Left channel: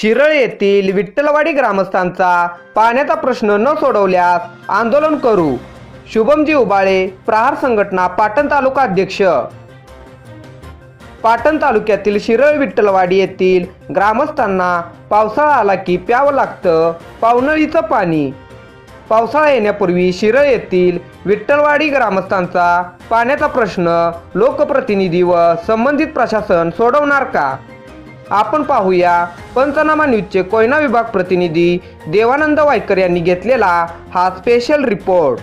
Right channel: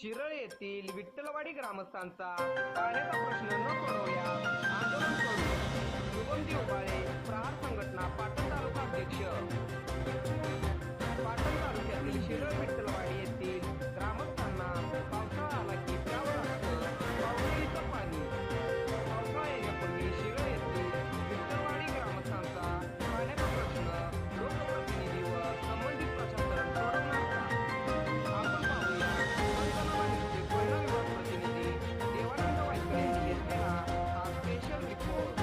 शिरळ येथील विठ्ठलवाडी ग्रामस्थांचा पाण्याचा प्रश्न न सोडवल्यास आंदोलन करू. शुभमजी उबाळे प्रहार संघटना पाटण तालुका अध्यक्ष. पाटण तालुक्यातील शिरळ विठ्ठलवाडी येथील ग्रामस्थांना पावसाळा आला की प्यावं लागतं पावनळीचं पाणी. पावसाळा येण्यापूर्वी शिरळ येथील विठ्ठलवाडी ग्रामस्थांचा पाण्याचा प्रश्न लोकप्रतिनिधी व संबंधित प्रशासन सोडवणार का? आपण पाहूया पंचनामा न्यूजचे कोयना विभाग प्रतिनिधी देवानंद वायकर यांनी घेतलेला हा स्पेशल रिपोर्ट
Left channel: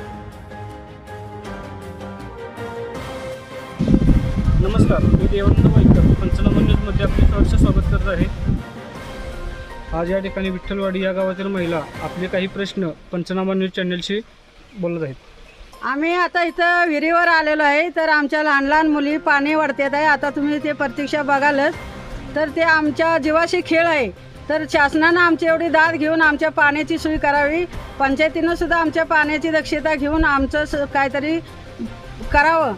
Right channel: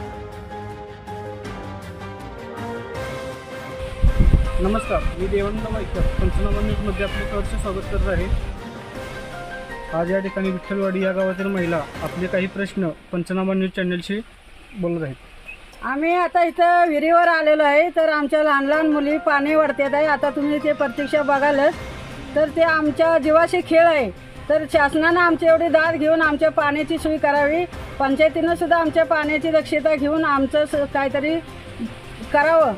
नमस्कार मी देवानंद वाईकर पंचनामा न्यूजमध्ये आपले सहर्ष स्वागत करत आहे. आज या ठिकाणी विठ्ठलवाडी या गावातील महिला आपले काही प्रश्न पंचनामा न्यूज चॅनलशी बोलत आहेत. आम्ही आता इथं विहिरीवर आलेलो आहे तर आमच्या लहान लहान मुली पाणी वाढतात आहे. आता तुम्ही ते प्रत्यक्ष बघालच. तर ते आमच्या जीवाशी खेळ आहे. तर शासनानं आमची एवढी दाद घेऊन आमच्या पाण्याची सोय करावी. पंचायतीनं सुद्धा आमच्या पाण्याची दक्षता घेऊन आमचं स- काहीतरी करावं.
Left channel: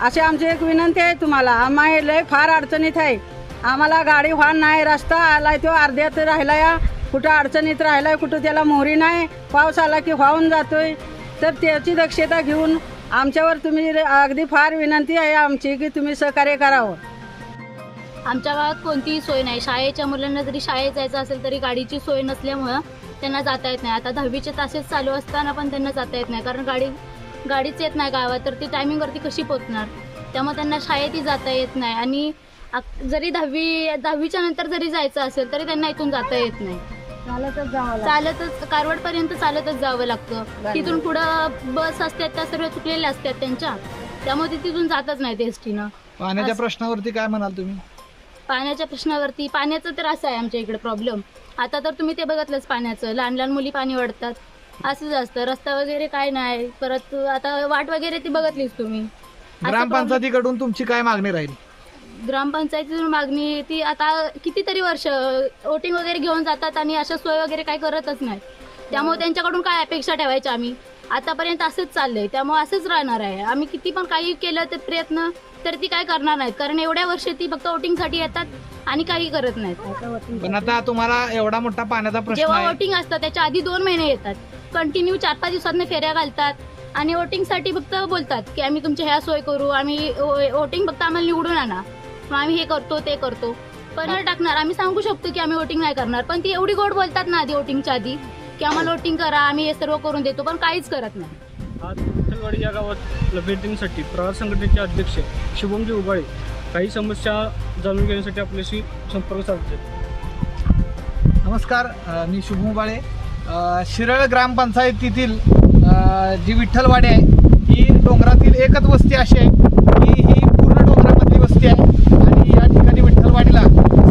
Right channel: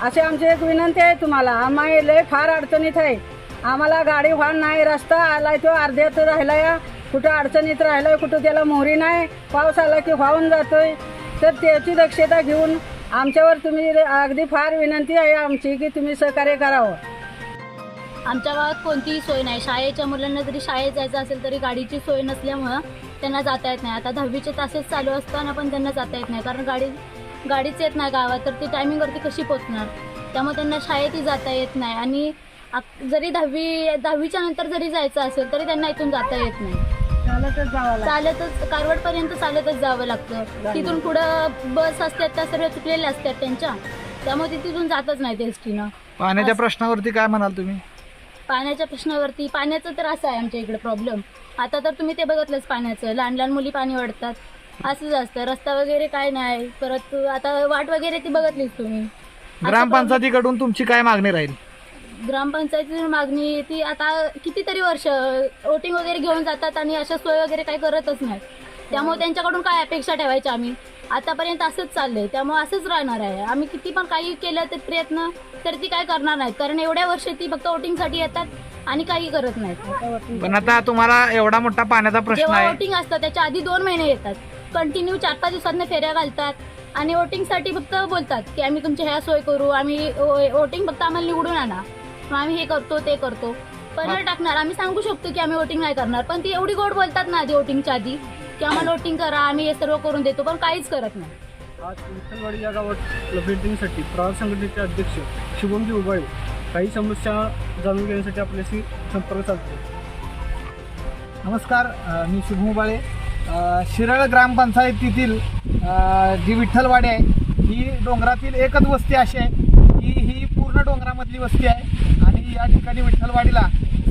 अशी आमची एक विनंती आहे तुम्हाला. आम्हा लय फार अडचणीत आहे. आम्हाला गाडी वाहन नाही रस्ता आलाय तो अर्ध्यात राहिला या. कुठं अडचणीत राहिलाय कुठं त्याला मोहरी नाही. पाऊस आला की वाहून जातोय. तर त्याची दक्षता घेऊन आमच्यावर तुम्ही अगदी फार विनंती आहे आमची की तुम्ही सहकार्य करावं. आमच्या गावात कोणतीही सोय नाही. शाळेच्या मुलांना जरी शाळेत जायचं असेल तरी गाडीची सोय नसल्यामुळं त्यांना जाता येत नाही. आता दहावीचे तासेस चालू असताना पण त्यांना जाता येत नाही. कारण गाडी गाडीच येत नाही गावात तर ती टायमिंगवरती कशी पोचणार त्यामुळे त्यांना शाळेतही जाता येत नाही. आणि जरी दहावी दहावीच्या नंतर जरी जायचं असेल तरी त्यांना इथून जाता येत नाही. चालतच जावं लागतं. चालतच कारवाडपर्यंत चालतच जावं लागतं. तिथून पुढं बस असतात त्या सर्व चुकलेल्या असतात त्यांच्या. त्यामुळे ते तिथून जातच नाही एस टीनं पाण्याच्या प्रश्नावरती काय म्हणाल तुम्ही? पाण्याच्या प्रश्नावरती पाण्याचं तर असं आहे आमच्या इकडे प्रॉब्लेम आता तर तुम्ही ते बघितलंच पाण्याचं. लहान लहान मुली पाणी वाढतात असंच असतं. रस्ता वगैरे काय नाही. परत आता वाट वगैरे ती बघितलीच तुम्ही. असं ग्रामपंचायतीकडून तुमची काय मागणी राहील? ग्रामपंचायतीतून मागणी ती आता कितीतरी वर्ष वोटिंग वगैरे घेऊन जातात आणि अशा सोय वगैरे काही करतच नाही. त्यामुळे त्यांच्याकडून काय अपेक्षा ठेवायच्या आम्ही? आतापर्यंत असंच चाललंय. त्यामुळे असंच राहणार आहे. आम्ही किती पण काही केलं तर प्रयत्न तर ती काय करणार नाहीत. कारण एवढ्या वर्ष ती फक्त वोटिंगसाठी येतात आणि काही करत नाहीत. पण आता तुम्हाला एवढा मोठा पाण्याचा प्रश्न जेव्हा आहे. वोटिंग असतं त्याच्या आधी दोन महिने येतात. कंटिन्यू चार पाच दिवसांना फेऱ्या घालतात. आणि वोटिंगसाठी फक्त बोलतात की आम्ही तुमची ह्या सोय करू. आम्ही वोटिंग फक्त आम्हाला निवडून आणा. मग आम्ही हे करतो ते करतो. पण टाकणार. आम्ही सांगू शकतो की आम्ही वोटिंग नाही करणार. पण ती एवढी गोड बोलतात ना आधी वोटिंगच्या आधी की आम्हाला वोटिंग करा आम्ही हे सर्व करून देतो पण काहीच करत नाही. आज विठ्ठलवाडी या गावात भेट देण्यासाठी प्रहार संघटनेचे अध्यक्ष शुभमजी उबाळे काही समस्या जाणून घेण्यासाठी आपल्याशी संपर्क साधते नमस्कार मी शुभम बाळे अ, शिरळ ग्रामपंचायतीतील जी विठ्ठलवाडी आहे ही डोंगरातील एकच वस्ती अशी आहे की ही पूर्ण डोंगरामधली वस्ती आहे. ठिकाणी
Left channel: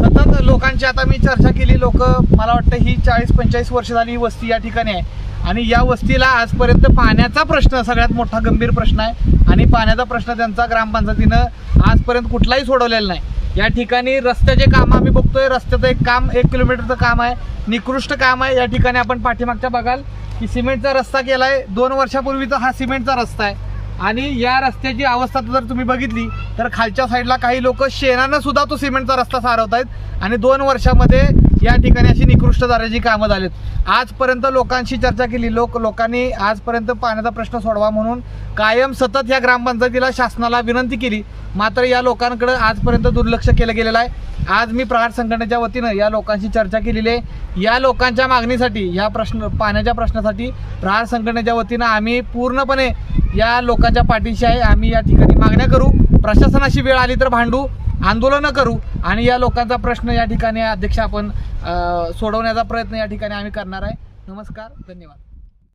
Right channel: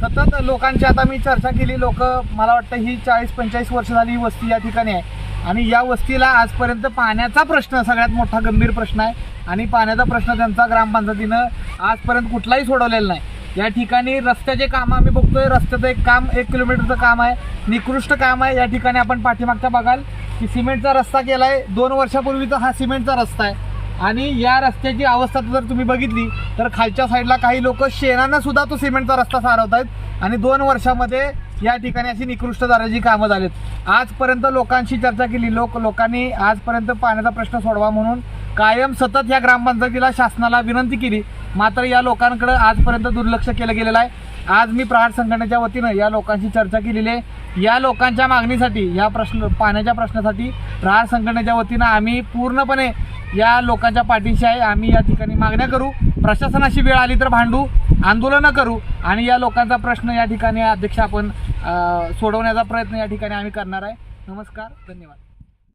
सतत लोकांची आता मी चर्चा केली लोक मला वाटतं ही चाळीस पंचेचाळीस वर्ष झाली ही वस्ती या ठिकाणी आहे. आणि या वस्तीला आजपर्यंत पाण्याचा प्रश्न सगळ्यात मोठा गंभीर प्रश्न आहे. आणि पाण्याचा प्रश्न त्यांचा ग्रामपंचायतीनं आजपर्यंत कुठलाही सोडवलेला नाही. या ठिकाणी रस्त्याचे काम आम्ही बघतोय. रस्त्याचं एक काम एक किलोमीटरचं काम आहे. निकृष्ट काम आहे. या ठिकाणी आपण पाठीमागच्या बघाल की सिमेंटचा रस्ता केलाय. दोन वर्षापूर्वीचा हा सिमेंटचा रस्ता आहे. आणि या रस्त्याची अवस्था जर तुम्ही बघितली तर खालच्या साईडला काही लोक शेणानं सुद्धा तो सिमेंटचा रस्ता सारवत आहेत आणि दोन वर्षामध्ये या ठिकाणी अशी निकृष्ट दराची कामं झालीत. आजपर्यंत लोकांशी चर्चा केली. लोक लोकांनी आजपर्यंत पाण्याचा प्रश्न सोडवा म्हणून कायम सतत या ग्रामपंचायतीला शासनाला विनंती केली. मात्र या लोकांकडे आजपर्यंत दुर्लक्ष केलं गेलेलं आहे. आज मी प्रहार संघटनेच्या वतीनं या लोकांशी चर्चा केलेली आहे. या लोकांच्या मागणीसाठी या प्रश्न पाण्याच्या प्रश्नासाठी प्रहार संघटनेच्या वतीनं आम्ही पूर्णपणे या लोकांच्या पाठीशी आहे. आम्ही या ठिकाणी मागण्या करू. प्रशासनाशी वेळ आली तर भांडू आंदोलनं करू आणि या लोकांचा प्रश्न या ठिकाणी अध्यक्ष आपण सोडवण्याचा प्रयत्न या ठिकाणी आम्ही करणार आहे. नमस्कार धन्यवाद.